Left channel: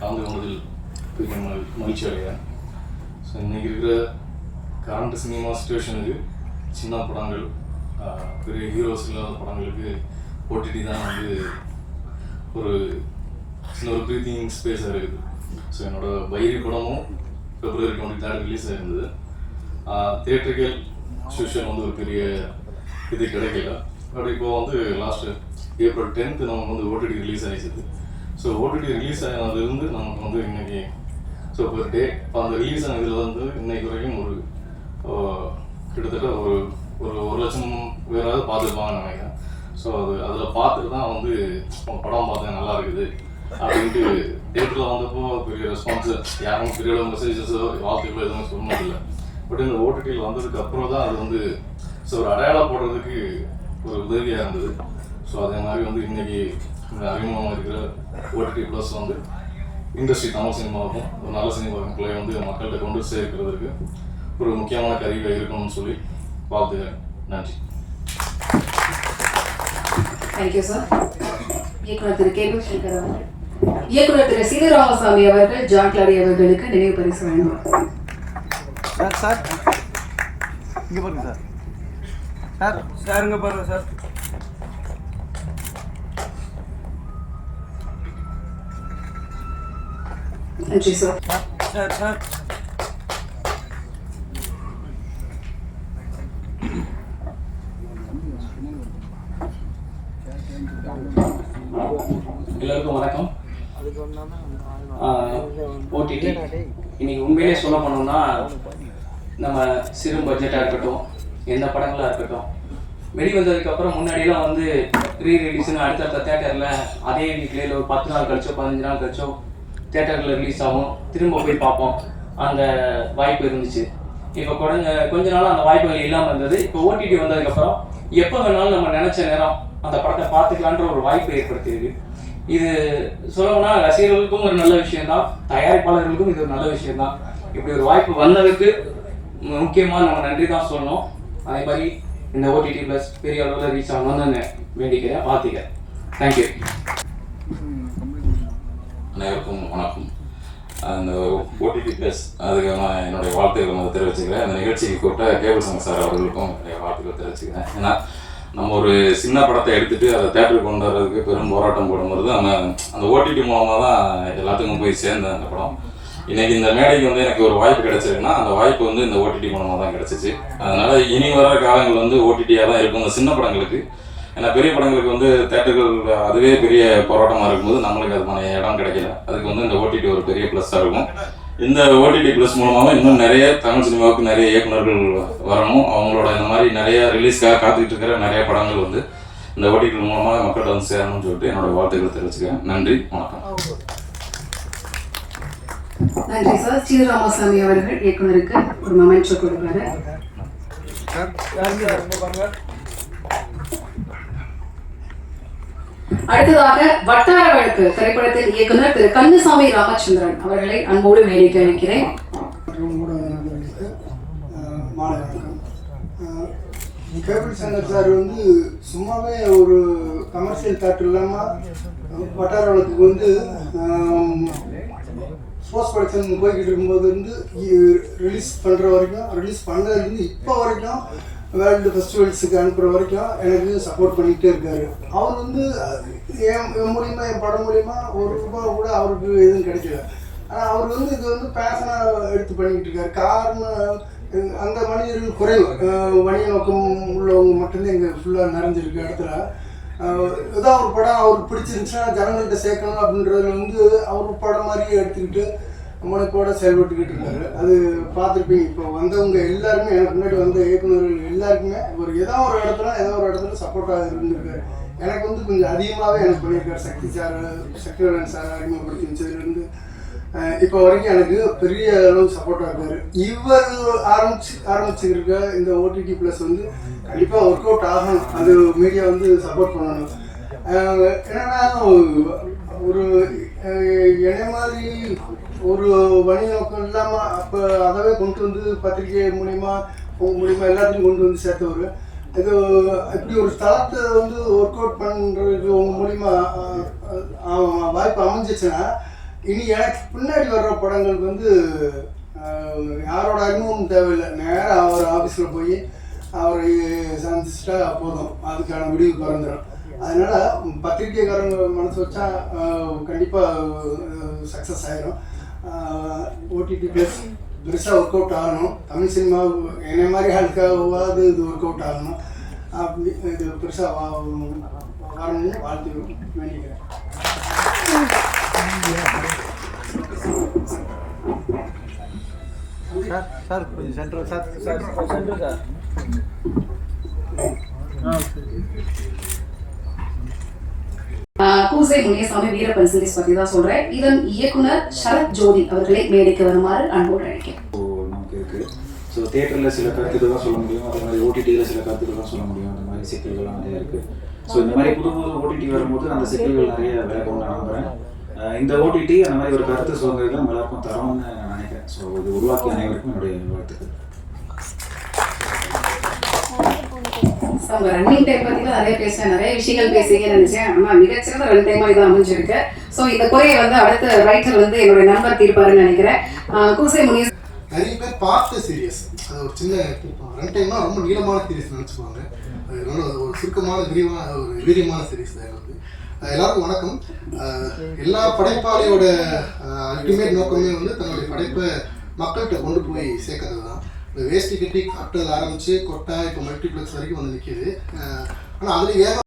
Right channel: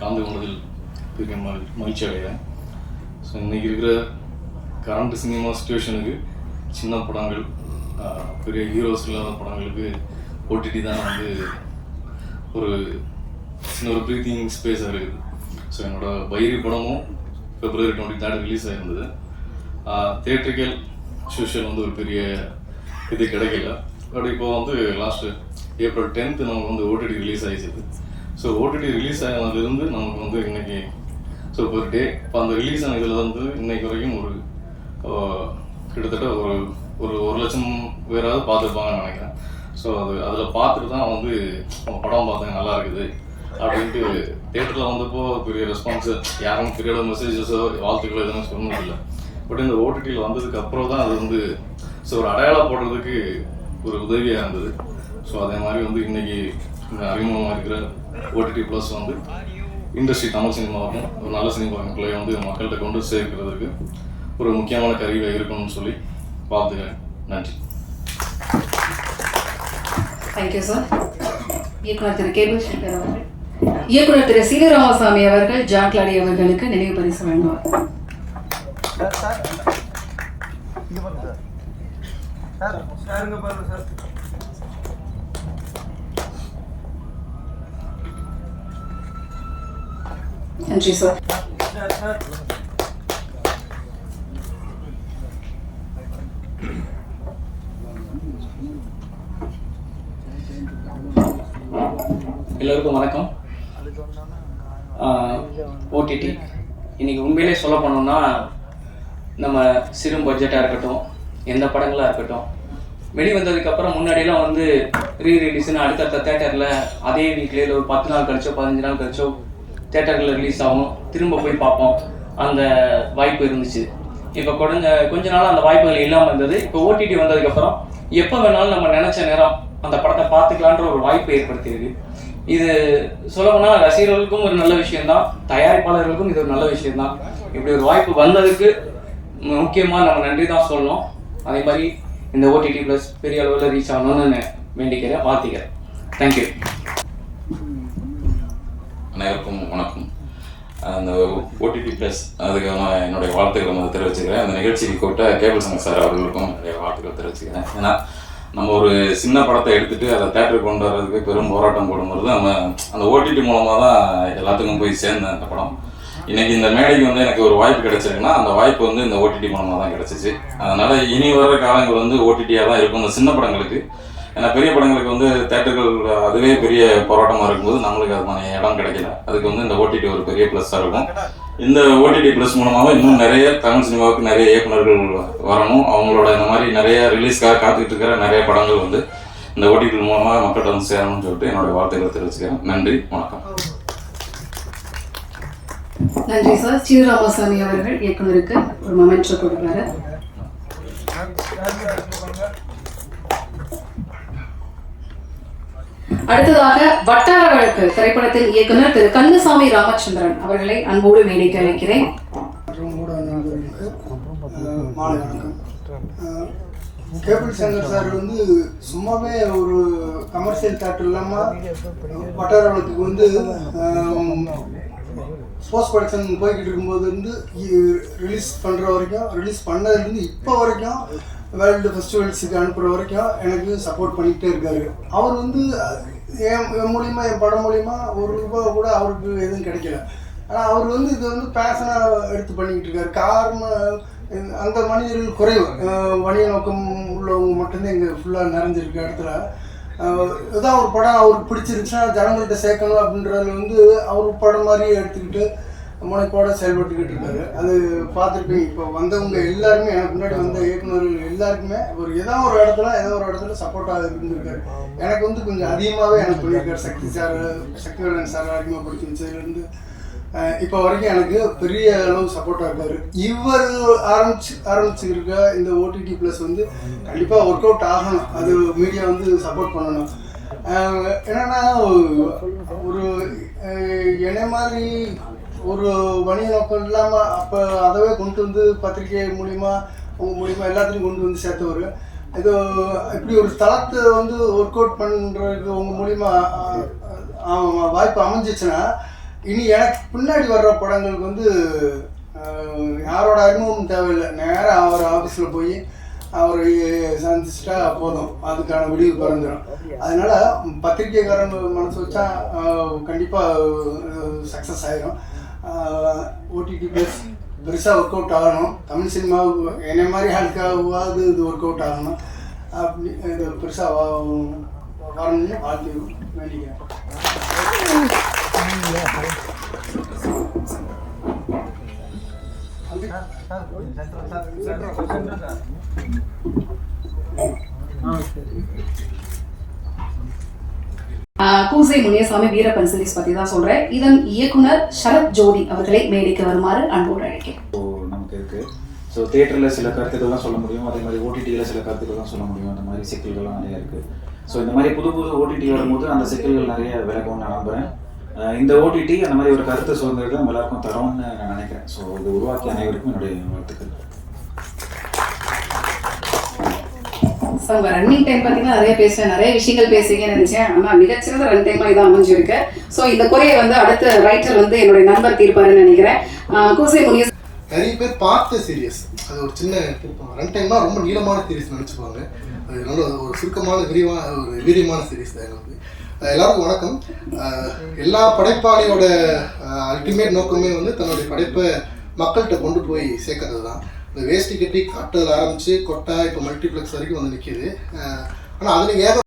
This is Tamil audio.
கலந்து கொண்டதில் பெரிய மகிழ்ச்சி அடைகிறேன். ஸோ இன்றைக்கி இருக்கிற கரண்ட் சினிமா சுச்சுவேஷனுக்கு சின்ன படங்கள், பெரிய ஹீரோஸ் இல்லாத படங்களுக்கு ஓடிடி தான் வந்து ஒரு சின்ன ஒரு ப்ரீத்திங் ஸ்பேஸாக இருக்குது. ஸோ என்னோடய பைரி படமும் February 23 ரிலீஸ் ஆகிருந்தது. தியேட்ரிக்கல் சோஷியல் வந்து ஒரு பெரிய இது கிடைக்கல. பட் இப்போ வந்து லாஸ்ட்டு April 10th நமக்கு வந்து ஓடிடி ரிலீஸ் ஆகிடுச்சு. ஸோ ஓடிடி ரிலீஸ் ஆனதுலேருந்து நமக்கு வந்து இன்றைக்கி ஸோ ஒரு டே இப்போ அந்த ரிலீஸ் ஆன இதில் வந்து இன்றைக்கு வரைக்கும் ஒரு கிட்டத்தட்ட ஒரு 1 லட்சம் பேராவது பார்த்துருப்பாங்கன்னு நினைக்கிறேன். ஸோ அதில் பார்த்துட்டு தான் வந்து படம் பார்த்தேன் நல்லா இருக்குது அப்படின்ட்டு தியேட்டரில் வந்தப்போ பெரிய ரெஸ்பான்ஸு யாரும் பெரிய மெசேஜஸோ வாழ்த்துக்களோ எதுவுமே சொன்னது இல்லை. பட் இந்த ஓடிடியில் வந்ததுக்கு அப்புறம் தான் அது வந்து ஸோ ஒரு அடையாளப்படுறதுக்கு ஒரு உதவியாக இருந்தது. ஸோ அதே மாதிரி வந்து இன்றைக்கி அறிமுகமாக இருக்கிற ஓடிடி ப்ளஸ் வந்து இண்டஸ்ட்ரி தமிழ் சினிமாவுக்கும் ஒரு நல்ல சினிமாவுக்குள்ளே வந்து மக்கள்கிட்ட கொண்டு சேர்க்கிறதுக்கு ஒரு முக்கியமான கருவியாக இருக்கணும்னு சொல்லி பார்த்துக்கிறேன். நன்றி. Thank you sir. இயக்குனர் திரு கேபிள் ஸ்ரீதர் அவர்கள், இயக்குனர் திரு சி ராமசாமி அவர்கள் ஜான் கிளாடி அவர்களுக்கு நினைவு பரிசு வழங்குவார். சார் இங்கே பாருங்க சார். சாருங்க பாருங்க சார். நன்றி சார். சார் சார் எல்லோருக்கும் வணக்கம். ஓடிடி இன்னைக்கு உண்மையிலே சொல்ல போனோம்னா நம்ம சிறு பட்ஜெட்டாக இருக்கட்டும், எந்த படங்களாக இருக்கட்டும், வெளிவந்ததுக்கப்புறம் முன்னாடியெல்லாம் வந்து ரீரிலீஸ்னு அடுத்தடுத்த தேட்டரில் அதே வீக்லேயே ஒரு 10 நாள் கழிச்சோ 15 நாள் கழிச்சோ தேட்டரில் ரிலீஸ் ஆகும், திரும்ப போய் பார்ப்போம். அந்த வாய்ப்பு இருந்துச்சு. இப்போ கொஞ்ச நாள் அந்த வாய்ப்புகள் இல்லாமல் இருந்தது. இப்போ ஓடிடி வந்ததுக்கப்புறம் எப்போ வேணாலும் நம்ம நினச்ச நேரம் அந்த படத்தை பார்த்துக்கலான்ற ஒரு வாய்ப்பை ஏற்படுத்தியிருக்கு. இது சொல்லணும்னா ரசிகர்களுக்கும் ஒரு நல்ல விஷயம்தான், தயாரிப்பாளர்களுக்கும் இது ஒரு நல்ல விஷயம்தான். இப்படி ஒரு வாய்ப்பு வந்ததுக்கு முக்கியமாக நம்ம நன்றி தான் சொல்லணும். அதே மாதிரி இந்த ஓடிடி ப்ளஸ் பெரிய அளவில் ரீச் ஆகணும்னு வேண்டிக்கிறேன், வாழ்த்திக்கிறேன். தேங்க்யூ. அனைவருக்கும் வணக்கம். அந்த ஓடிடி ப்ளஸ் அதுக்கு நான் என்னுடைய வாழ்த்துக்களை வந்து தெரிவிச்சுக்கிறேன். அந்த நிகழ்ச்சிக்கு கூட்ட கேபிள் சங்க சார் அவர்களுக்கும் நிறைய வாழ்த்துக்களை தெரிவிச்சுக்கிறேன். ஏன்னா நம்ம ஒரு சின்ன படத்தை எடுத்துகிட்டு அதை தேட்டருக்கு கொண்டு வர்றதுக்கு பெரும் போராட்டம் போடும்போது நம்ம அந்த ஓடிடி மூலமாக தான் எல்லாத்துக்கும் போய் சேர்ந்தேன் அந்த படம். இன்றைக்கி இந்த மேடைக்கு வந்து எனக்கு ஒரு வாய்ப்பு கிடைச்சிருக்குன்னா அந்த வாய்ப்பு வந்து இந்த ஓடிடி மூலமாக தான் கிடச்சிச்சு. அதனால் இனி வர்ற காலங்கள் வந்து ஓடிடியாக தான் இருக்கும் இந்த சின்ன படங்களுக்கு. ஏன்னா பெரிய படங்களுக்கு வந்து தேட்டர்கள் அதுவே பெரிய போராட்டமாக இருக்கும்போது நம்மளுக்கு அதுமான இடம் கிடைக்கல. அதுக்கு வந்து இந்த ஓடிடி ஒரு பெரிய ப்ளஸ்ஸாக இருக்கும். இந்த ஓடிடி ப்ளஸ் மூலமாக இன்னும் நிறைய தமிழ் சினிமாவுக்கு நிறைய இயக்குநர்கள் வரணும். அவங்களோட இந்த மாதிரி நிறைய ரிலீஸ்க்காக காத்துக்கிட்டு இருக்கிற நிறைய படங்கள் வந்து இந்த ஓடிடி மூலமாக மக்கள்கிட்ட வந்து சேரணும்னு சொல்லிட்டு என்னோட வாழ்த்துக்களை தெரிவிச்சுக்கிறேன். நன்றி, வணக்கம். நன்றி சார். சி ராமசாமி அவர்கள் இயக்குனருக்கு ஒரு மொமெண்டோ கொடுப்பாரு. அடுத்ததாக வட்டார வழக்கு திரைப்படத்தின் இயக்குனர் திரு கந்தசாமி ராமச்சந்திரன் அவர்களை அன்போடு மேடைக்கு அழைக்கிறேன். கேபிள் சங்கர் சார் வந்து சும்மாவே ஒரு கமர்ஷியல் தேட்டர் இல்லாமல் வட்டார வழக்குக்கு வந்து போஸ்ட் ப்ரொடக்ஷன் போய்கிட்டு இருக்கும்போது இருந்து ரிலீஸ் பண்ணுற வரைக்கும், ரிலீஸ் பண்ணதுலேருந்து இப்போ வரைக்கும் வேர்ல்டு ஃபெஸ்டிவல்ஸுக்கு அனுப்புகிற வரைக்கும் எனக்கு சப்போர்ட் பண்ணிக்கிட்டே இருக்காரு. அவர் வந்து என் மூலிமா, என் படம் மூலிமா ₹1 கூட அவருக்கு எதுவும் கிடைக்கல. ஆனால் அவர் வந்து இது வந்து பேஷனாக எடுத்து பண்ணிக்கிட்டு இருக்காரு. காரணம் அந்த மனிதர்கள் குறைவு, வணிக நோக்கம் உள்ளவங்க மட்டும்தான் இங்கே ஃபுல்லாக நிறைஞ்சிருக்க இடத்துல ஏதோ ஒரு படம் அவருக்கு பிடிச்சிருந்துச்சுன்னா ஜனங்கள்கிட்ட சேர்க்கணும் அப்படின்றது வந்து அவர் படம் மாதிரியே எடுத்துக்கிட்டு முனைப்போட செயல்பட்டுக்கிட்டு இருக்காரு. அது பார்த்துட்டு இப்போ வந்தவங்க எல்லாருமே, எனக்கு முன்னாடி வந்த இயக்குநர்கள் எல்லாருக்குமே ஏதோ ஒரு இடத்துல சப்போர்ட்டாக இருந்திருக்காரு. எனக்கு வந்து கொஞ்சம் அதிகமாகவே எனக்கு பண்ணியிருக்காரு. சக்திவேலன் சார் அறிமுகப்படுத்திச்சதுலேருந்து இப்போ வரைக்கும் எனக்கு பெரிய அளவு சப்போர்ட்டாக இருக்காரு. இவர் ஆரம்பிச்சுருக்க இந்த ஓடிடி ப்ளஸ் வந்து கண்டிப்பாக ஒர்க் அவுட் ஆகணும். அது மீடியா வந்து சப்போர்ட் பண்ணணும். என்னென்னா ஒரு என்னை மாதிரி ஒரு வணிக நோக்கம் இல்லாமல் அப்போ அதவே கொண்டு வந்து பத்திரிகை மூலிமா எல்லாத்தையும் கொண்டு வந்து சேர்த்தவர். இது இப்படி ஒரு தளத்தை வந்து ஒர்க் அவுட் பண்ணுறதுக்கு உங்கள் மூலிமா வாய்ப்பு அமைஞ்சிச்சுன்னா இனி எனக்கு பின்னாடி வர்ற படங்களுக்கு வந்து யாரோட அறிமுகம் தேவையில்லை, நேராக அவர் ஆஃபீஸில் போய் அவர் சந்திச்சிட்டா போதும், அதுக்கான முடிவு பிறந்துடும். அதனால் பத்திரிக்கைக்காரங்க மனசு வச்சா கண்டிப்பாக சக்ஸஸ் ஆகிடும். ஓடிடி ப்ளஸ் பெருசாக ஒர்க் அவுட் ஆகணும், தமிழ் சினிமா என்னை மாதிரி ஆளுக்காவது இது ஒர்க் அவுட் ஆகணும், அப்படி இது பெருசாக வரணும்னு வாழ்த்து வேண்டிக்கிறேன். சார் கொஞ்சம் சென்டர் சார் சென்டர் சார். பூசை முனியசாமி வீரப்பன் சீரிஸ் பற்றி தான் சொல்கிறேன். இதன் இயக்குனர் சரத் ஜோதி அவர்களை மேடைக்கு வருமாறு அன்போடு அழைக்கிறேன். நமக்கு இருக்குது. ஸோ தியேட்டரில் சில கருத்துக்கள்லாம் சொல்ல முடியும், அதே மாதிரி ஓடிடியில் சில கருத்துக்கள்லாம் சொல்ல முடியும். அந்த மாதிரி சிக்கல்கள்லாம் நிறைய இருக்குது. ஸோ இந்த மாதிரி புது ஓடிடி வரும்போது அந்த சிக்கல்கள் நிறைய விலகும் நான் நம்புகிறேன். இந்த ஓடிடி அந்த மாதிரி ஒரு கருத்து சுதந்திரம் எல்லாருக்கும் தரோம்னு நான் நினைக்கிறேன். ஸோ இது உருவாக்கிய அனைவருக்கும் என்னுடைய வாழ்த்துக்கள். ரன்னிங் டைம் பார்த்தீங்கன்னா நிறைய பேசுவேன், நிறைய விஷயங்கள் பேசுவீங்கன்னு நினைச்சேன். ஆனால் மிகச்சிறந்த ரன் டைமாக இதான் அமைஞ்சிருக்கு. ஸோ இந்த குறையை வந்து அடுத்த ரைட்டர் வந்து என்னுடைய நண்பர் தீர்ப்பாருன்னு நினைக்கிறேன். பூசை முனிய நிறைய பேர் பார்த்த சீரியஸ், அது ஒரு சின்ன ரன் டைம்னா ரொம்ப நீளமான சீரியஸ் நினச்சிப்பாங்க. அது நல்ல ஒரு சுருக்கமான விரிவான ஒரு வீரியமான சீரியஸ் தான். வந்து எல்லாருக்கும் வணக்கம். எல்லா படைப்பாளியோட அல்டிமேட் நோக்கமே வந்து தன்னுடைய படைப்பை மக்கள்கிட்ட கொண்டு போய் சேர்க்கறது தான். இந்த வேஷ்டி கட்டி கட்டுறதுல ஆரம்பித்து கொட்டா இப்போ மல்டிப்ளெக்ஸ் வரைக்கும் வந்து நிற்கிது. ஆனால் அதில் ஏதோ